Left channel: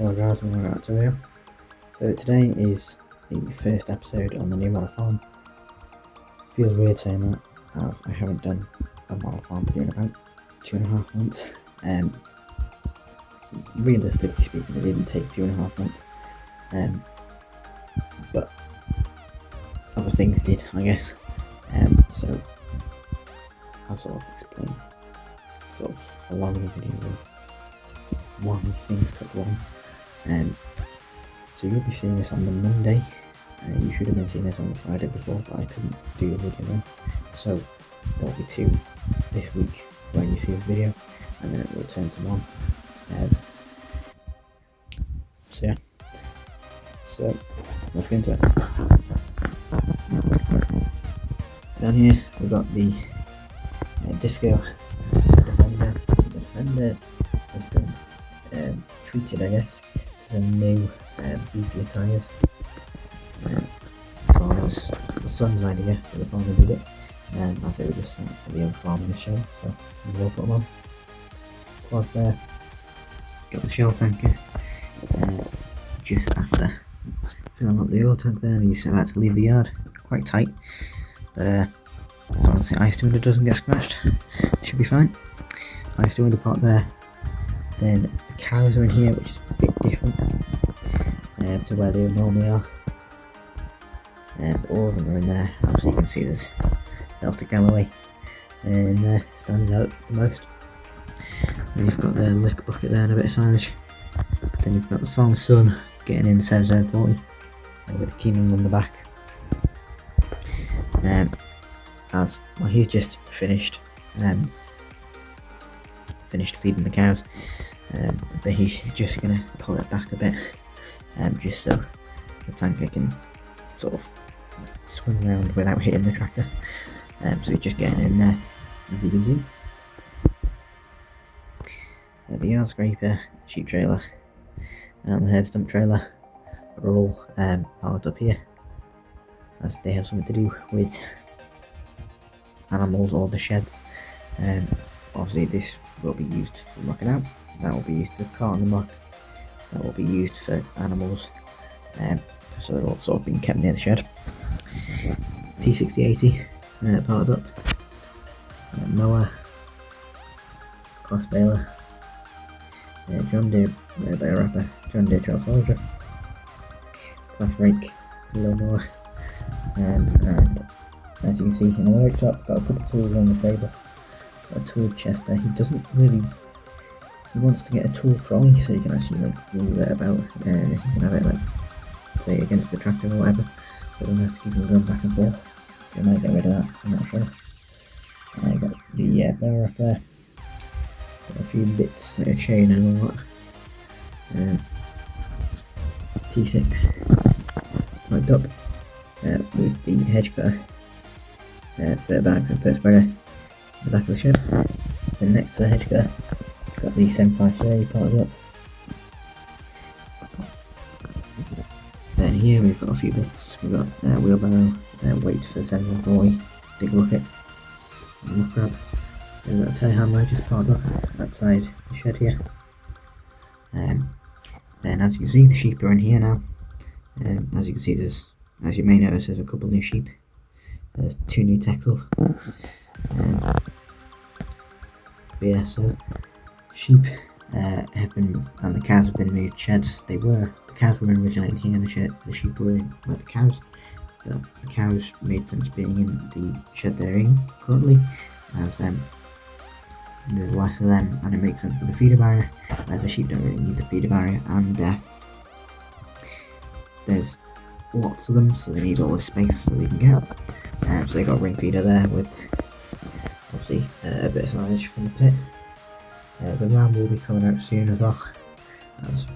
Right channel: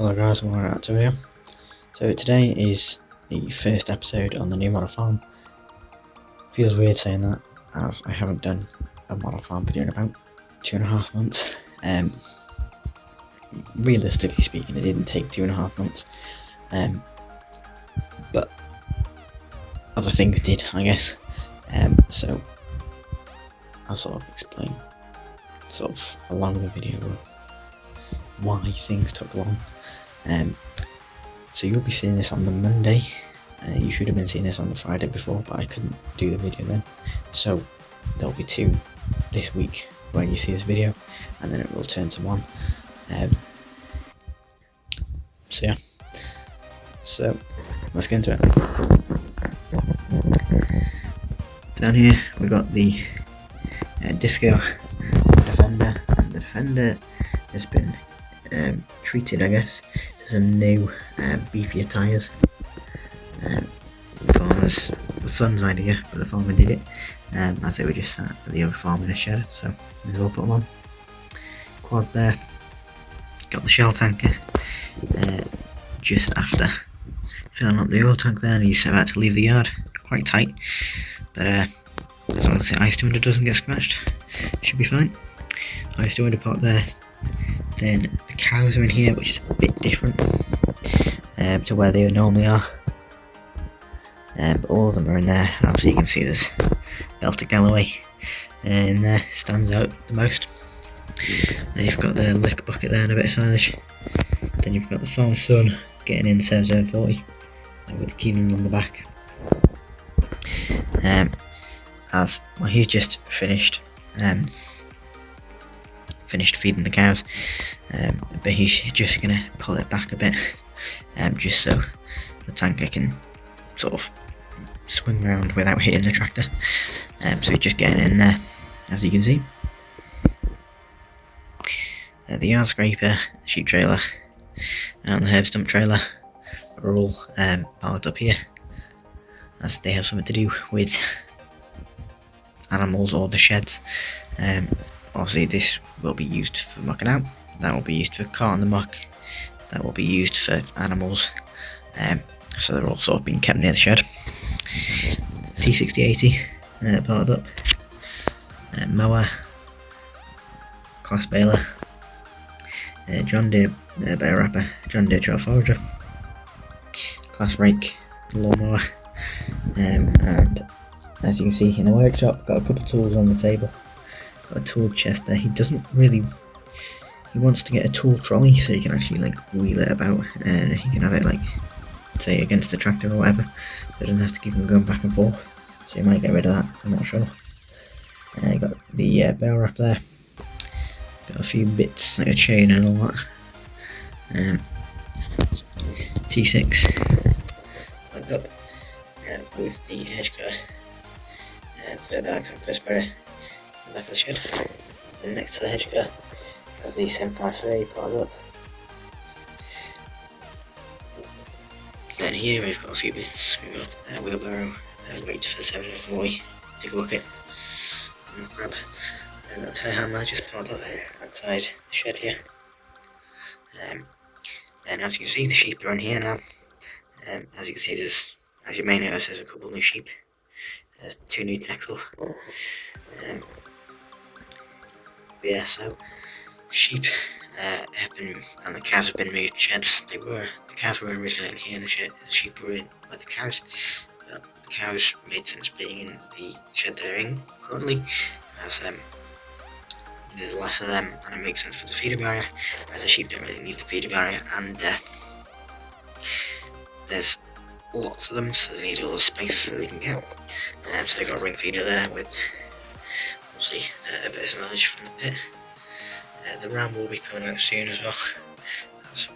Hello guys, welcome back to video. So today is the first episode on the new model farm. Feels weird saying that, as I haven't done a model farm video in about 2.5 months. Realistically speaking, it didn't take 2.5 months, but other things did, I guess. So I'll sort of explain along the video of why things took long. So you'll be seeing this on the Monday. You should have been seeing this on the Friday before, but I couldn't do the video then. So there'll be 2 this week when you see this video, and then it will turn to 1. So yeah. So let's get into it. Down here we got the Disco Defender. And the Defender has been treated, I guess, to some new beefier tyres. Farmers, the son's idea, but the farmer did it, as they were just sat at the other farm in a shed, so we all put them on. Quad there, got the Shell tanker just after filling up the oil tank there, and he's about to leave the yard. Quite tight, but as long as the ice window doesn't get scratched, should be fine. Ice window pot there. Then the cows are in here, which is a bit different to where they normally are. But all of them are in there. Obviously you can see there's Belter Galloway in there, stands out the most. Then you've got the lick bucket there and a bit of silage. Then you've got the farm son getting in 7740 with Keenan on the back. He's just finished feeding the cows, but he's just gonna pull it back a bit, just so the tanker can sort of swing around without hitting the tractor. So he's just getting in there, as you can see. The yard scraper, sheep trailer, and the herb stump trailer are all parked up here, as they have something to do with animals or the sheds. Obviously this will be used for mucking out, that will be used for carting the muck, that will be used for animals, so they're all sort of being kept near the shed. T6080 parked up, mower, class baler, John Deere bale wrapper, John Deere Trail Forager, class rake, lawnmower, and as you can see in the workshop, got a couple of tools on the table. Got a tool chest there. He wants to get a tool trolley so he can actually like wheel it about, and he can have it like, say, against the tractor or whatever, so he doesn't have to keep him going back and forth. So he might get rid of that, I'm not sure. Got the bale wrap there. Got a few bits like a chain and all that. T6 lined up with the hedge cutter, fur bags and fur spreader in the back of the shed. Then next to the hedge cutter, got the 7530 parked up. Then here we've got a few bits. We've got wheelbarrow, weight for 740, big bucket, muck grab. Then we've got a telehandler just parked up outside the shed here. Then as you can see, the sheep are in here now. As you can see, as you may notice, there's a couple new sheep. There's 2 new Texels. But yeah, so sheep have been, and the cows have been moved sheds. The cows were originally in here, and the sheep were in with the cows. But the cows made sense being in the shed they're in currently, as there's less of them, and it makes sense for the feeder barrier. Whereas the sheep don't really need the feeder barrier, and there's lots of them, so they need all the space that they can get. So they got a ring feeder there with obviously a bit of silage from the pit. The ram will be coming out soon as well, as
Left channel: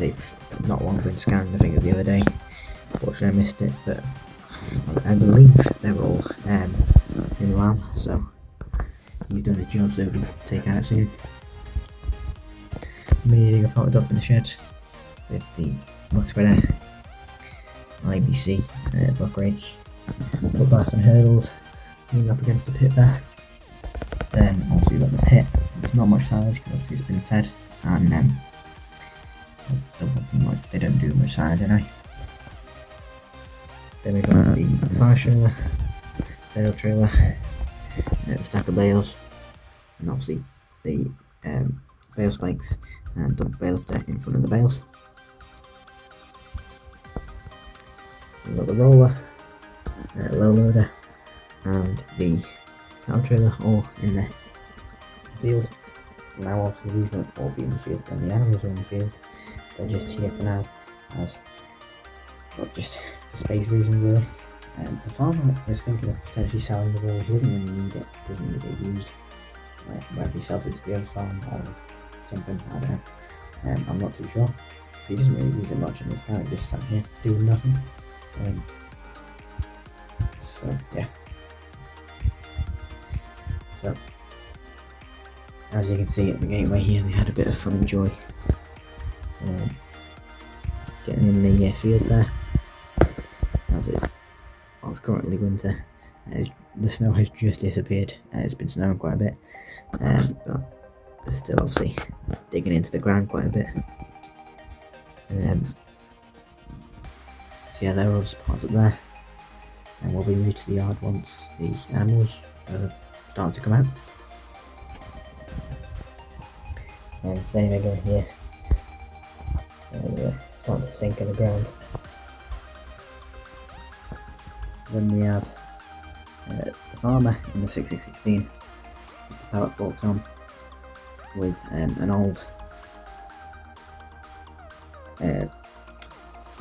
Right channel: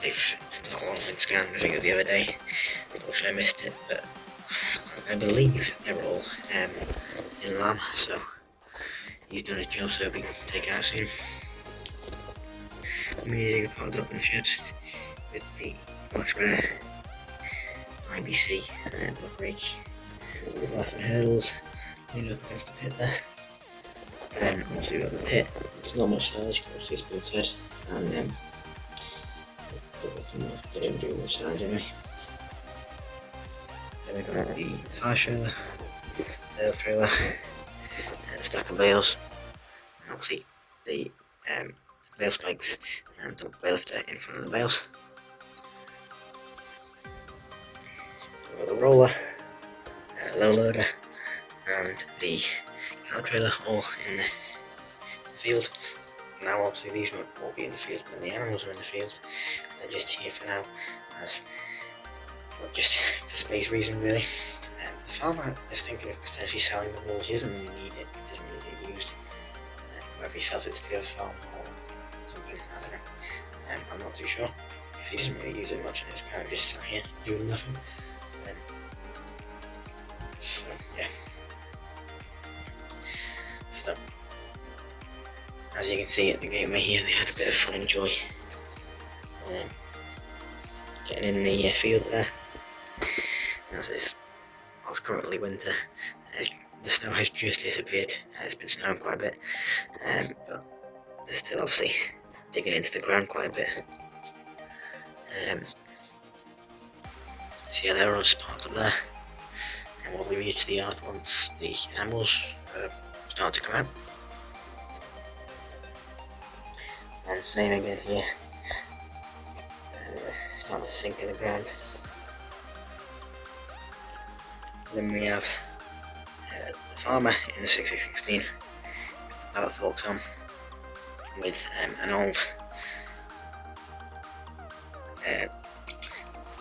they've not long been scanned. I think the other day, unfortunately I missed it, but I believe they're all in lamb, so he's done his job, so he'll be taken out soon. Mini digger parked up in the shed with the muck spreader, IBC, buck rake, foot bath and hurdles, leaning up against the pit there. Then obviously we've got the pit. There's not much silage because obviously it's been fed, and they don't do much size anyway. Then we've got the side trailer, bale trailer, a stack of bales, and obviously the bale spikes and the bale lifter in front of the bales. We've got the roller, low loader, and the cattle trailer all in the field. Now obviously these won't all be in the field when the animals are in the field. They're just here for now, but just for space reason really. The farmer is thinking of potentially selling the wool. He doesn't really need it, he doesn't really get used. Whether he sells it to the other farm or something, I don't know. I'm not too sure, because he doesn't really use it much and it's kind of just sat here doing nothing. So yeah. So as you can see at the gateway here, they had a bit of fun and joy getting in the field there. As it's currently winter, the snow has just disappeared. It's been snowing quite a bit, but they're still obviously digging into the ground quite a bit. So yeah, they're all just parked up there, and we'll be moved to the yard once the animals start to come out. And same again here, and starting to sink in the ground. Then we have the farmer in the 6016 with the pallet forks on, with an old, I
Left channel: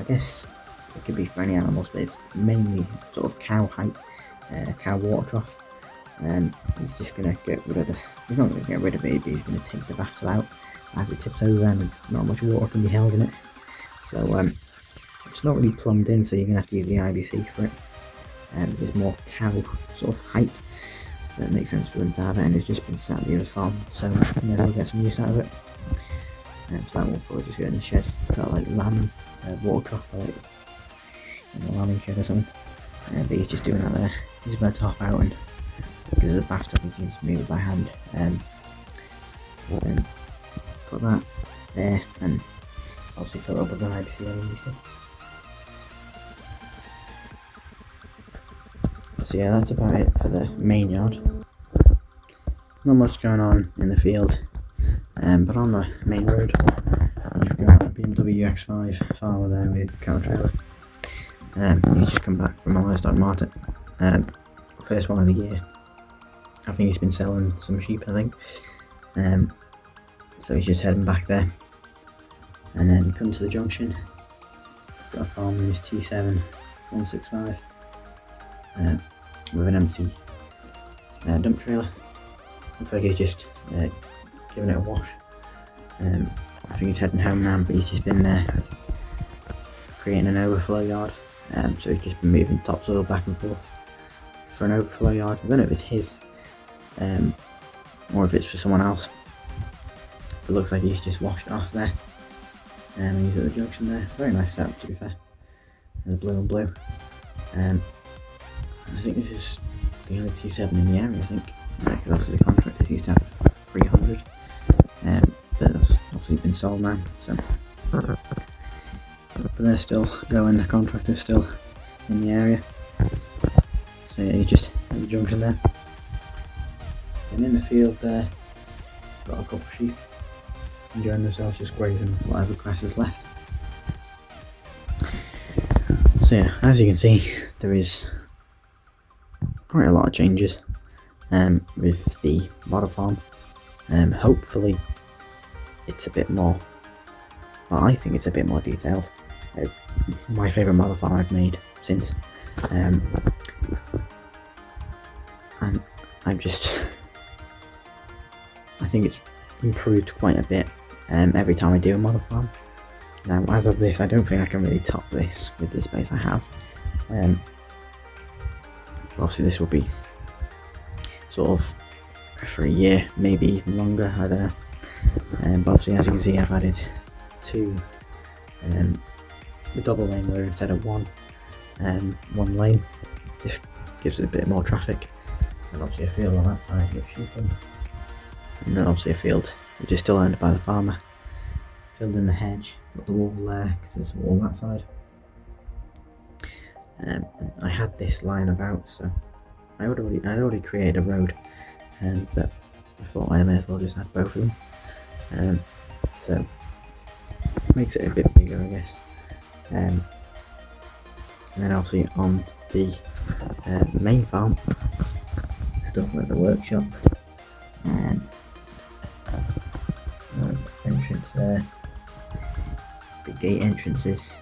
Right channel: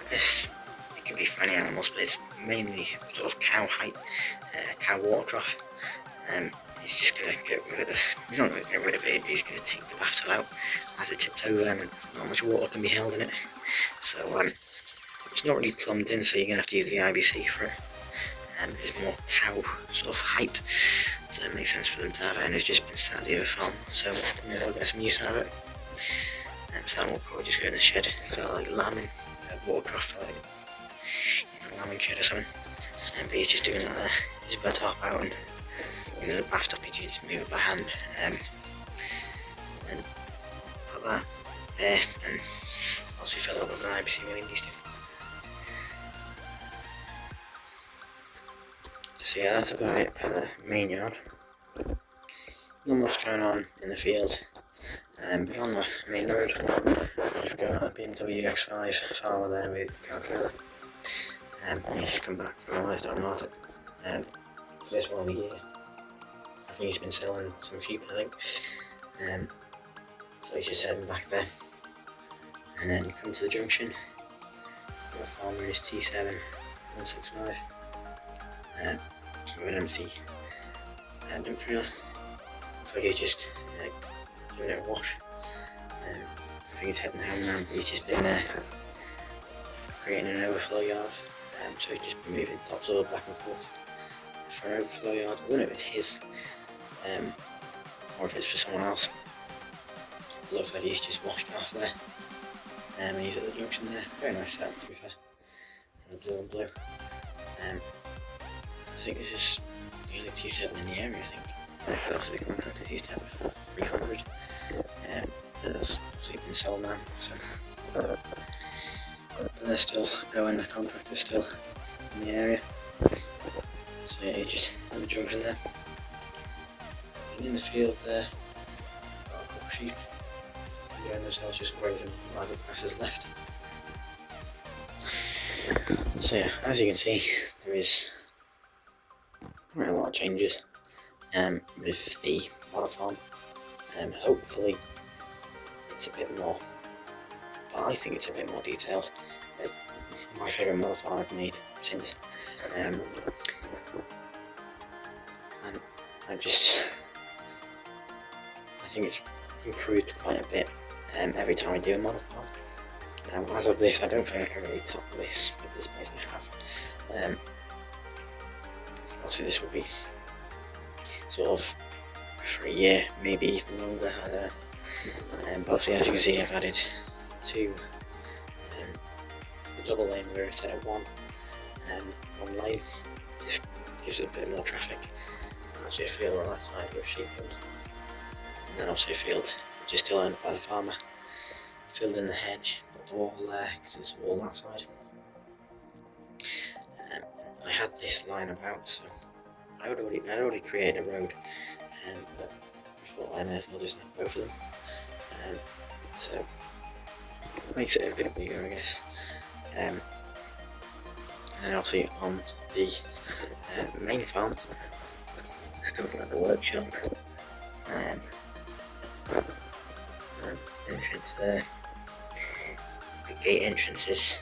guess it could be for any animals, but it's mainly sort of cow height, cow water trough. He's just going to get rid of, he's not going to get rid of it, but he's going to take the bathtub out as it tips over, and not much water can be held in it. So it's not really plumbed in, so you're going to have to use the IBC for it. It's more cow sort of height, so it makes sense for them to have it, and it's just been sat at the other farm, so maybe we'll get some use out of it. So that will probably just go in the shed. Felt like lambing, water trough, felt like in a lambing shed or something. But he's just doing that there. He's about to hop out, and because there's a bathtub, you can just move it by hand. And put that there, and obviously fill it up with an IBC when he needs to. So yeah, that's about it for the main yard. Not much going on in the field, but on the main road we've got a BMW X5 farmer there with car trailer. He's just come back from a livestock market, first one of the year. I think he's been selling some sheep, I think. So he's just heading back there, and then come to the junction. Got a farmer in his T7 165. With an empty dump trailer. Looks like he's just giving it a wash. I think he's heading home now, but he's just been creating an overflow yard. So he's just been moving topsoil back and forth for an overflow yard. I don't know if it's his or if it's for someone else. It looks like he's just washed off there. And he's at the junction there. Very nice setup, to be fair. In the blue and blue. I think this is the only T7 in the area, I think. Because obviously the contractors used to have 300. But that's obviously been sold now, so. But they're still going, the contractor's still in the area. So yeah, you're just at the junction there. And in the field there, got a couple of sheep enjoying themselves, just grazing whatever grass is left. So yeah, as you can see, there is quite a lot of changes with the model farm. Hopefully it's a bit more, well, I think it's a bit more detailed. It's my favourite model farm I've made since, and I think it's improved quite a bit every time I do a model farm. Now as of this, I don't think I can really top this with the space I have. Obviously this will be sort of for a year, maybe even longer, I don't know. But obviously, as you can see, I've added two double lane road instead of one lane. Just gives it a bit more traffic. And obviously a field on that side with sheep, and then obviously a field which is still owned by the farmer. filled in the hedge, put the wall there because there's a wall that side. And I had this lying about, so I'd already created a road, but I thought I may as well just add both of them. So makes it a bit bigger, I guess. And then obviously on the main farm, stuff like the workshop, entrance there, the gate entrances,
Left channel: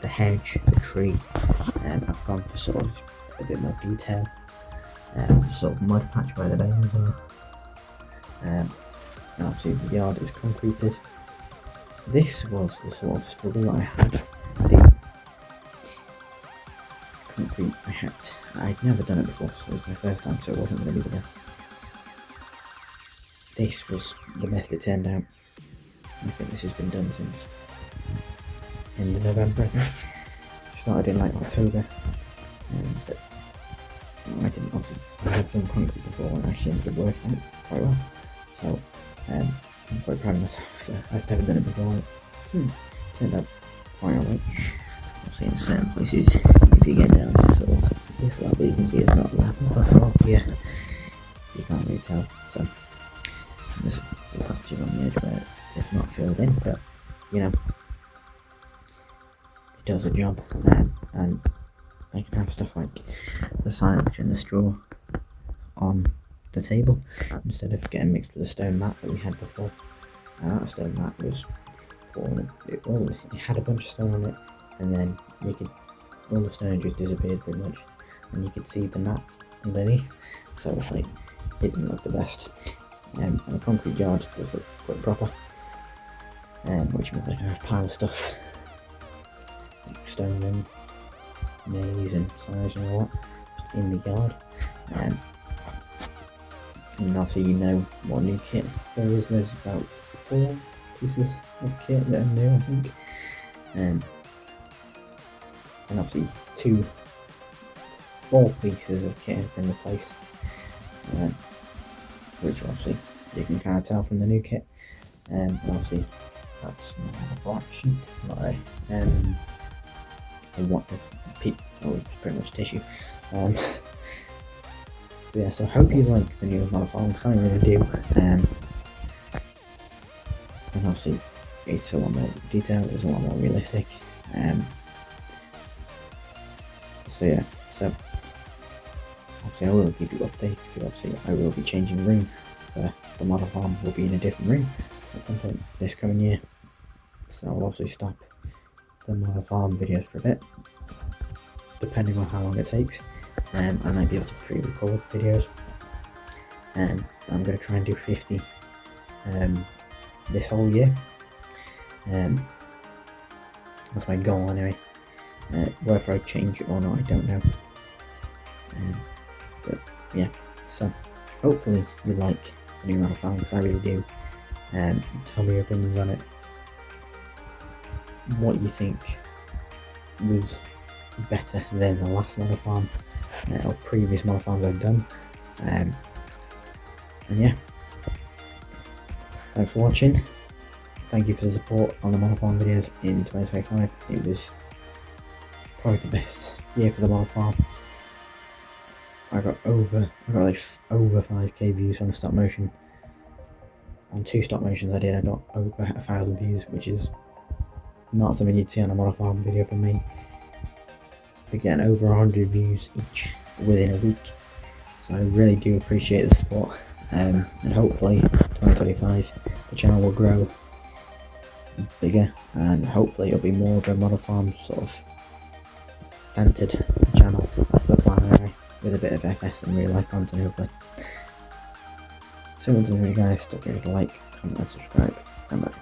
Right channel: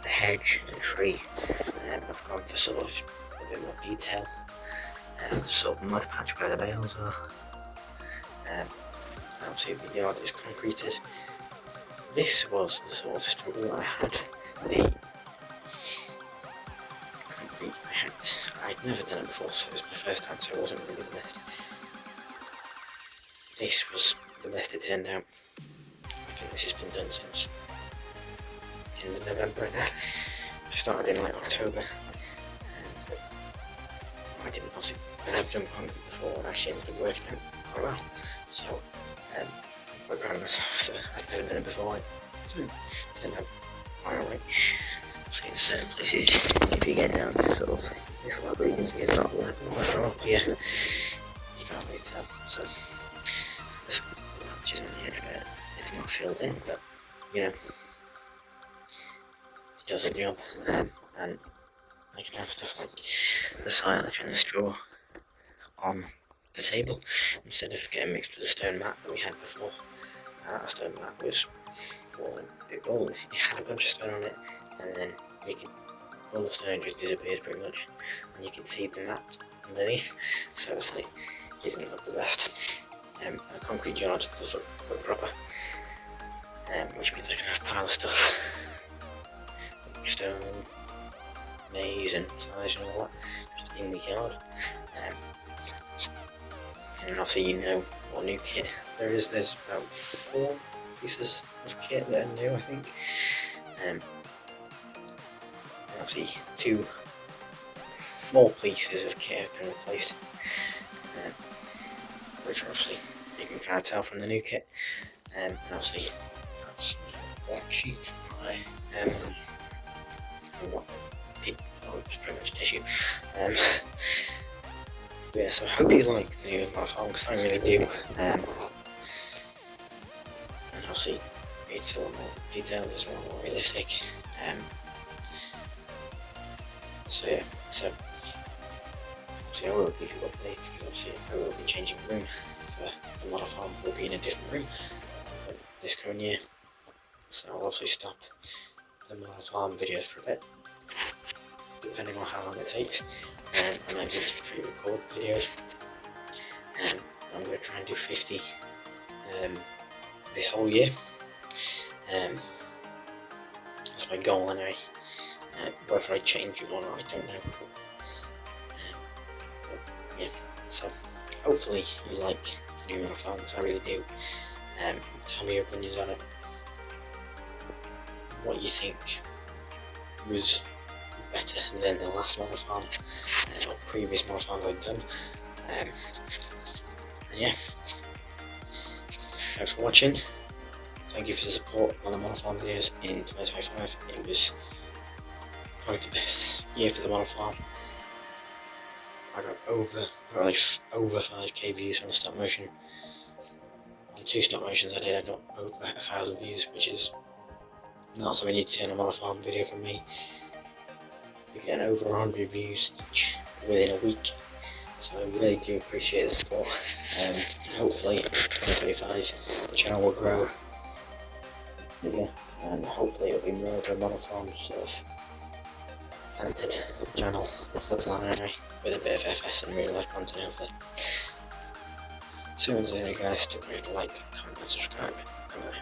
the hedge, the tree. I've gone for sort of a bit more detail, sort of mud patch where the bales are. And obviously the yard is concreted. This was the sort of struggle that I had. The concrete I'd never done it before, so it was my first time, so it wasn't going to be the best. This was the best it turned out. I think this has been done since end of November, I think. I started in like October, but I didn't obviously have done concrete before, and actually ended up working out quite well. So I'm quite proud of myself. So I've never done it before, so it turned out quite alright. Obviously in certain places, if you get down to sort of this level, you can see it's not level, but from up here, you can't really tell. So there's patches on the edge where it's not filled in, but you know, it does the job. And I can have stuff like the silage and the straw on the table instead of getting mixed with the stone mat that we had before. That stone mat was falling. It had a bunch of stone on it, and then all the stone just disappeared pretty much, and you could see the mat underneath. So it's like it didn't look the best. And a concrete yard does look quite proper, which means I can have a pile of stuff, like stone and maize and silage and all that, just in the yard. And obviously you know what new kit there is. There's about 4 pieces of kit that are new, I think. And obviously 4 pieces of kit have been replaced, which obviously you can kind of tell from the new kit. And obviously that's a black sheet, not a it's pretty much tissue. Yeah, so I hope you like the new Marathon, because I really do. And obviously it's a lot more detailed, it's a lot more realistic. So yeah, so obviously I will give you updates, because obviously I will be changing room. The model farm will be in a different room at some point this coming year, so I'll obviously stop the model farm videos for a bit, depending on how long it takes. I might be able to pre-record videos. I'm going to try and do 50 this whole year. That's my goal anyway. Whether I change it or not, I don't know. But yeah, so hopefully you like the new model farm, because I really do. Tell me your opinions on it. What you think was better than the last model farm or previous model farms I've done. And yeah, thanks for watching. Thank you for the support on the model farm videos in 2025. It was probably the best year for the model farm. I got like over 5k views on the stop motion. On 2 stop motions I got over 1,000 views, which is not something you'd see on a model farm video from me. We're getting over 100 views each within a week, so I really do appreciate the support. And hopefully 2025 the channel will grow bigger, and hopefully it'll be more of a model farm sort of centered channel. That's the plan anyway, with a bit of FS and real life content hopefully. So once again guys, don't forget to like, comment and subscribe, and bye.